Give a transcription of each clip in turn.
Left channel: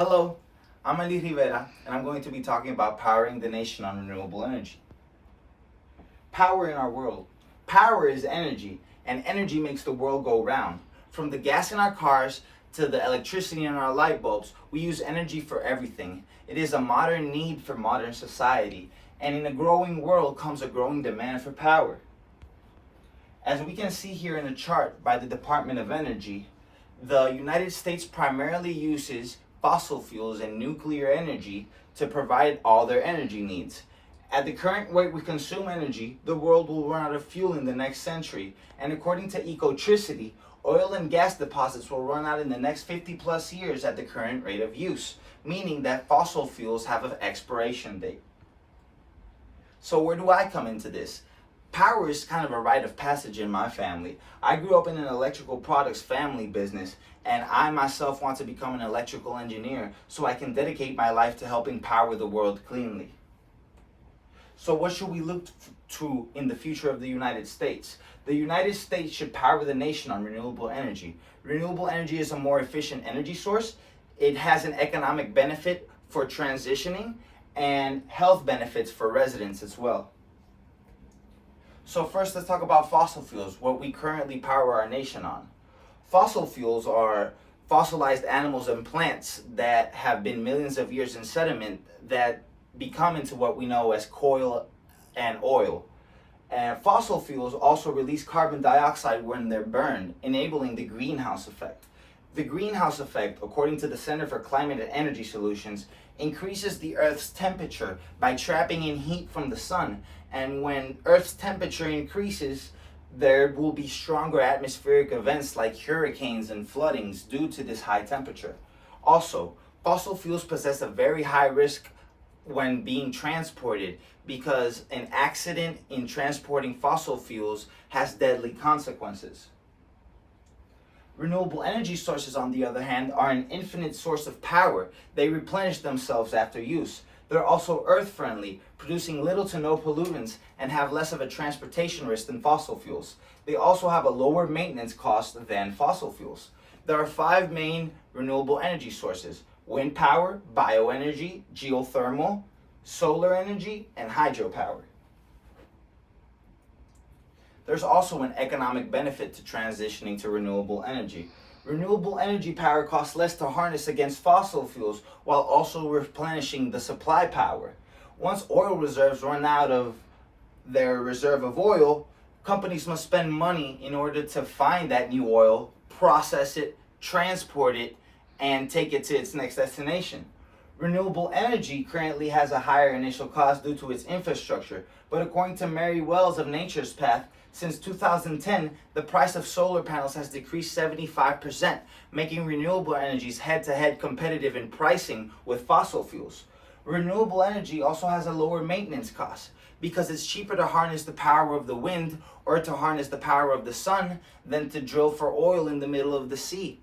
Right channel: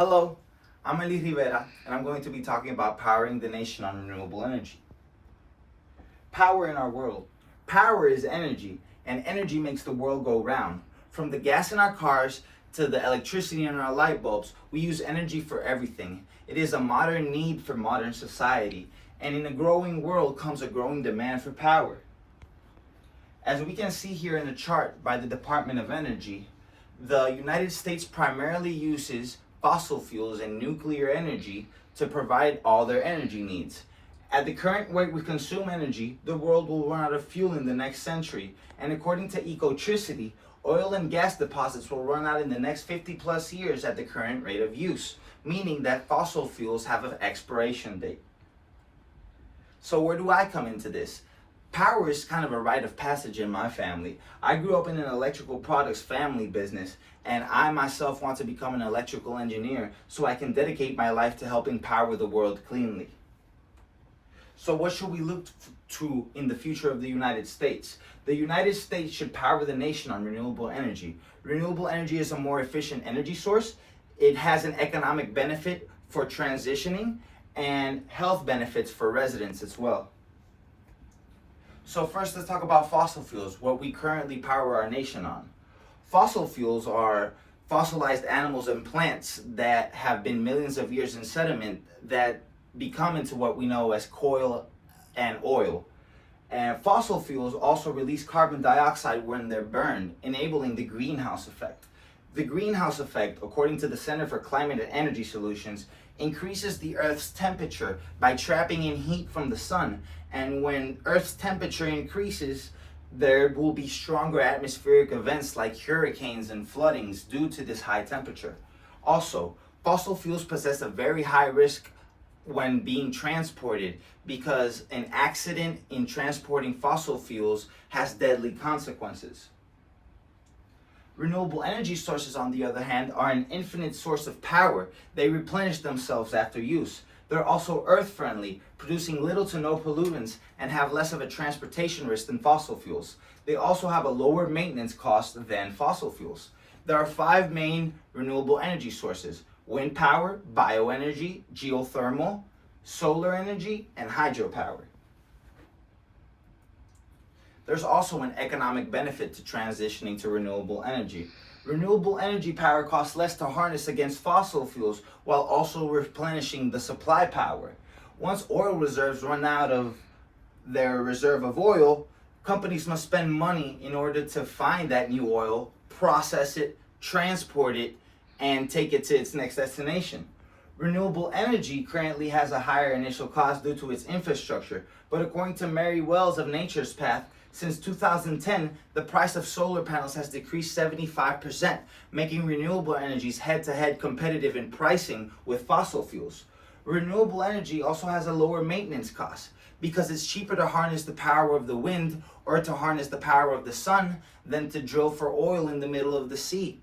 Hello, I'm Heli Rivera, and I'm going to be talking about powering the nation on renewable energy. Power in our world. Power is energy, and energy makes the world go round. From the gas in our cars to the electricity in our light bulbs, we use energy for everything. It is a modern need for modern society, and in a growing world comes a growing demand for power. As we can see here in the chart by the Department of Energy, the United States primarily uses fossil fuels and nuclear energy to provide all their energy needs. At the current rate we consume energy, the world will run out of fuel in the next century, and according to Ecotricity, oil and gas deposits will run out in the next 50 plus years at the current rate of use, meaning that fossil fuels have an expiration date. So where do I come into this? Power is kind of a rite of passage in my family. I grew up in an electrical products family business, and I myself want to become an electrical engineer so I can dedicate my life to helping power the world cleanly. So what should we look to in the future of the United States? The United States should power the nation on renewable energy. Renewable energy is a more efficient energy source. It has an economic benefit for transitioning and health benefits for residents as well. So first, let's talk about fossil fuels, what we currently power our nation on. Fossil fuels are fossilized animals and plants that have been millions of years in sediment that become into what we know as coal and oil. And fossil fuels also release carbon dioxide when they're burned, enabling the greenhouse effect. The greenhouse effect, according to the Center for Climate and Energy Solutions, increases the Earth's temperature by trapping in heat from the sun. And when Earth's temperature increases, there will be stronger atmospheric events like hurricanes and floodings due to this high temperature. Also, fossil fuels possess a very high risk when being transported because an accident in transporting fossil fuels has deadly consequences. Renewable energy sources, on the other hand, are an infinite source of power. They replenish themselves after use. They're also earth-friendly, producing little to no pollutants, and have less of a transportation risk than fossil fuels. They also have a lower maintenance cost than fossil fuels. There are 5 main renewable energy sources: wind power, bioenergy, geothermal, solar energy, and hydropower. There's also an economic benefit to transitioning to renewable energy. Renewable energy power costs less to harness against fossil fuels while also replenishing the supply power. Once oil reserves run out of their reserve of oil, companies must spend money in order to find that new oil, process it, transport it, and take it to its next destination. Renewable energy currently has a higher initial cost due to its infrastructure, but according to Mary Wells of Nature's Path, since 2010, the price of solar panels has decreased 75%, making renewable energies head-to-head competitive in pricing with fossil fuels. Renewable energy also has a lower maintenance cost because it's cheaper to harness the power of the wind or to harness the power of the sun than to drill for oil in the middle of the sea.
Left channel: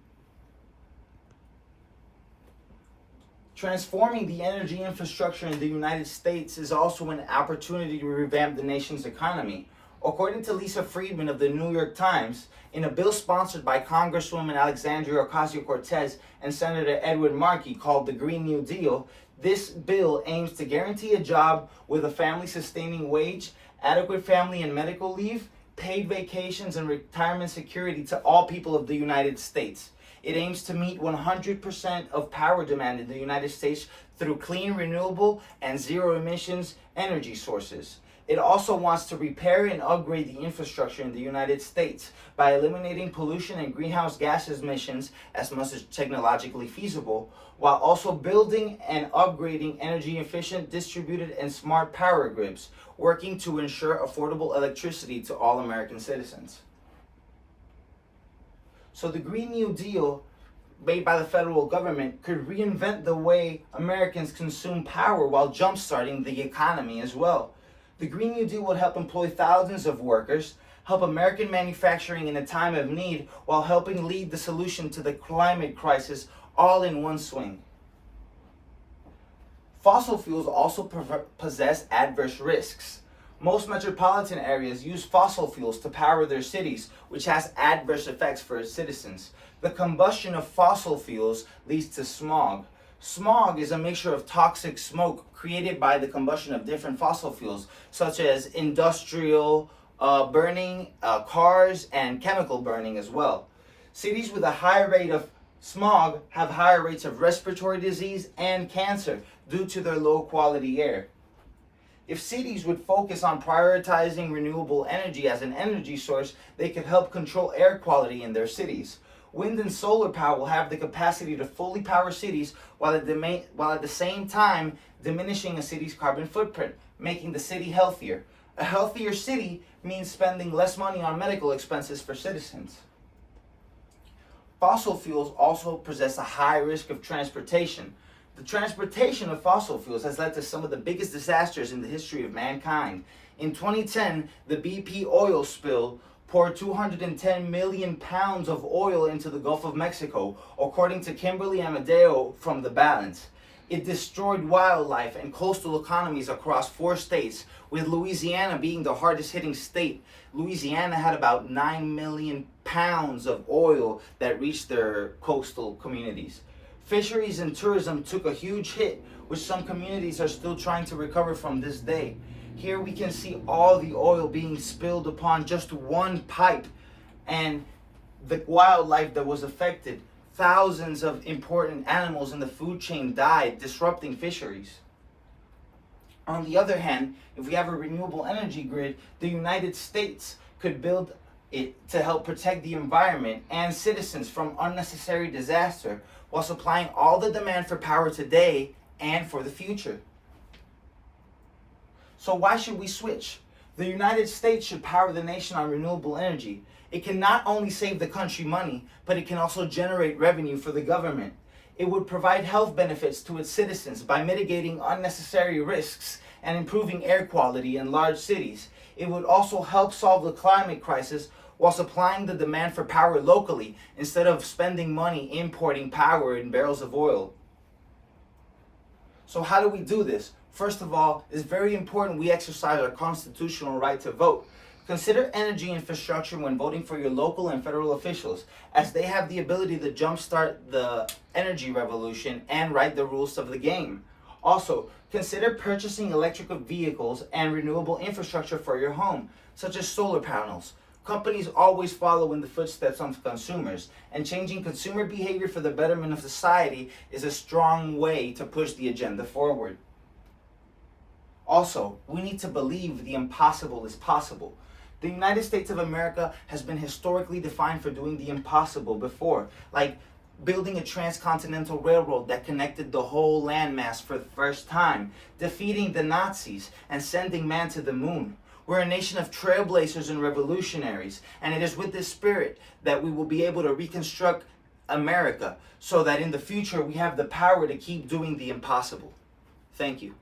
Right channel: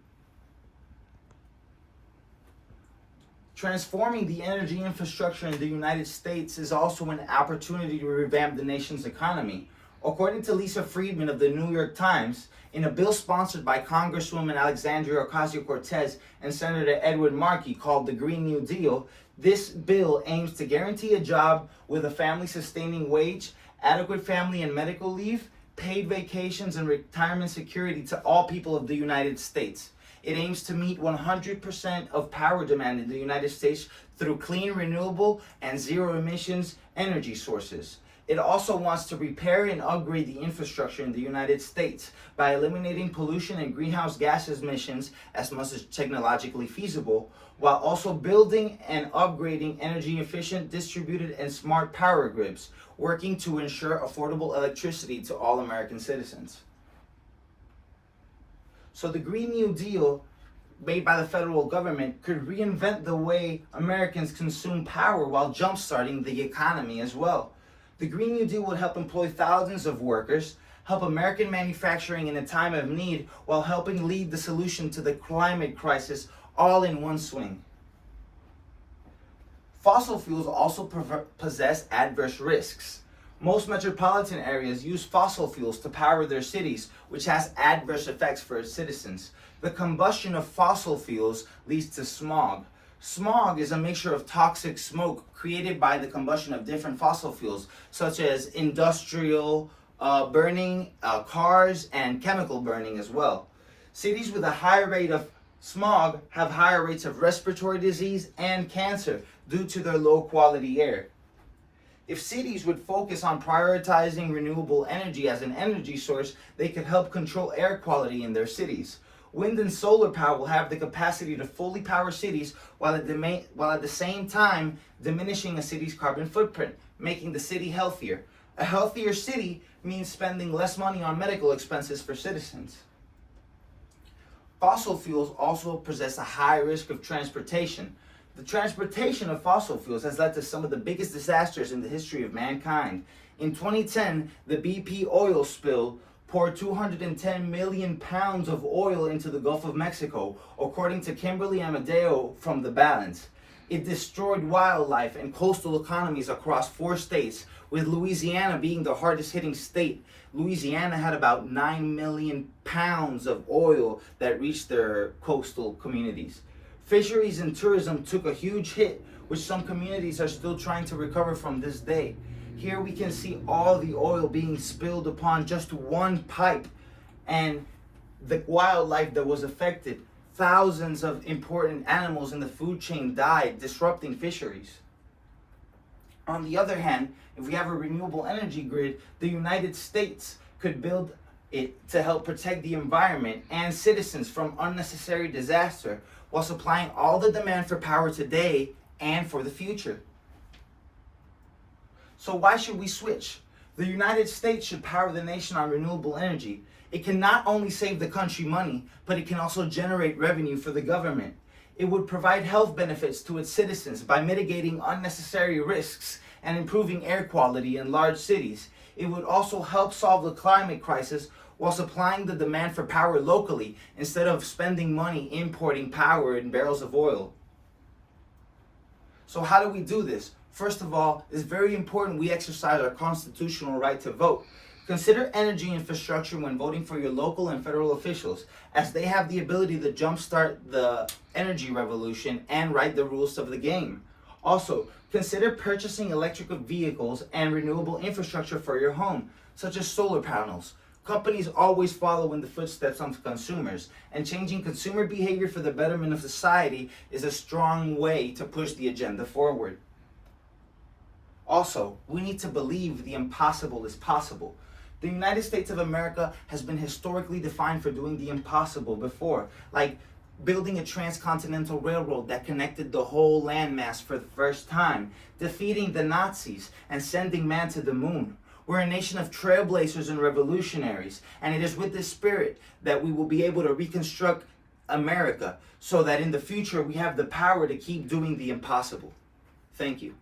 Transforming the energy infrastructure in the United States is also an opportunity to revamp the nation's economy. According to Lisa Friedman of the New York Times, in a bill sponsored by Congresswoman Alexandria Ocasio-Cortez and Senator Edward Markey called the Green New Deal, this bill aims to guarantee a job with a family-sustaining wage, adequate family and medical leave, paid vacations, and retirement security to all people of the United States. It aims to meet 100% of power demand in the United States through clean, renewable, and zero-emissions energy sources. It also wants to repair and upgrade the infrastructure in the United States by eliminating pollution and greenhouse gas emissions as much as technologically feasible, while also building and upgrading energy efficient, distributed, and smart power grids, working to ensure affordable electricity to all American citizens. So the Green New Deal made by the federal government could reinvent the way Americans consume power while jumpstarting the economy as well. The Green New Deal would help employ thousands of workers, help American manufacturing in a time of need, while helping lead the solution to the climate crisis all in one swing. Fossil fuels also possess adverse risks. Most metropolitan areas use fossil fuels to power their cities, which has adverse effects for its citizens. The combustion of fossil fuels leads to smog. Smog is a mixture of toxic smoke created by the combustion of different fossil fuels, such as industrial burning, cars, and chemical burning as well. Cities with a high rate of smog have higher rates of respiratory disease and cancer due to their low quality air. If cities would focus on prioritizing renewable energy as an energy source, they could help control air quality in their cities. Wind and solar power will have the capacity to fully power cities while at the same time diminishing a city's carbon footprint, making the city healthier. A healthier city means spending less money on medical expenses for citizens. Fossil fuels also possess a high risk of transportation. The transportation of fossil fuels has led to some of the biggest disasters in the history of mankind. In 2010, the BP oil spill poured 210 million pounds of oil into the Gulf of Mexico, according to Kimberly Amadeo from The Balance. It destroyed wildlife and coastal economies across 4 states, with Louisiana being the hardest hitting state. Louisiana had about 9 million pounds of oil that reached their coastal communities. Fisheries and tourism took a huge hit, which some communities are still trying to recover from this day. Here we can see all the oil being spilled upon just one pipe, and the wildlife that was affected. Thousands of important animals in the food chain died, disrupting fisheries. On the other hand, if we have a renewable energy grid, the United States could build it to help protect the environment and citizens from unnecessary disaster while supplying all the demand for power today and for the future. So why should we switch? The United States should power the nation on renewable energy. It can not only save the country money, but it can also generate revenue for the government. It would provide health benefits to its citizens by mitigating unnecessary risks and improving air quality in large cities. It would also help solve the climate crisis while supplying the demand for power locally instead of spending money importing power in barrels of oil. So how do we do this? First of all, it's very important we exercise our constitutional right to vote. Consider energy infrastructure when voting for your local and federal officials, as they have the ability to jumpstart the energy revolution and write the rules of the game. Also, consider purchasing electric vehicles and renewable infrastructure for your home, such as solar panels. Companies always follow in the footsteps of consumers, and changing consumer behavior for the betterment of society is a strong way to push the agenda forward. Also, we need to believe the impossible is possible. The United States of America has been historically defined for doing the impossible before, like building a transcontinental railroad that connected the whole landmass for the first time, defeating the Nazis, and sending man to the moon. We're a nation of trailblazers and revolutionaries, and it is with this spirit that we will be able to reconstruct America so that in the future we have the power to keep doing the impossible. Thank you.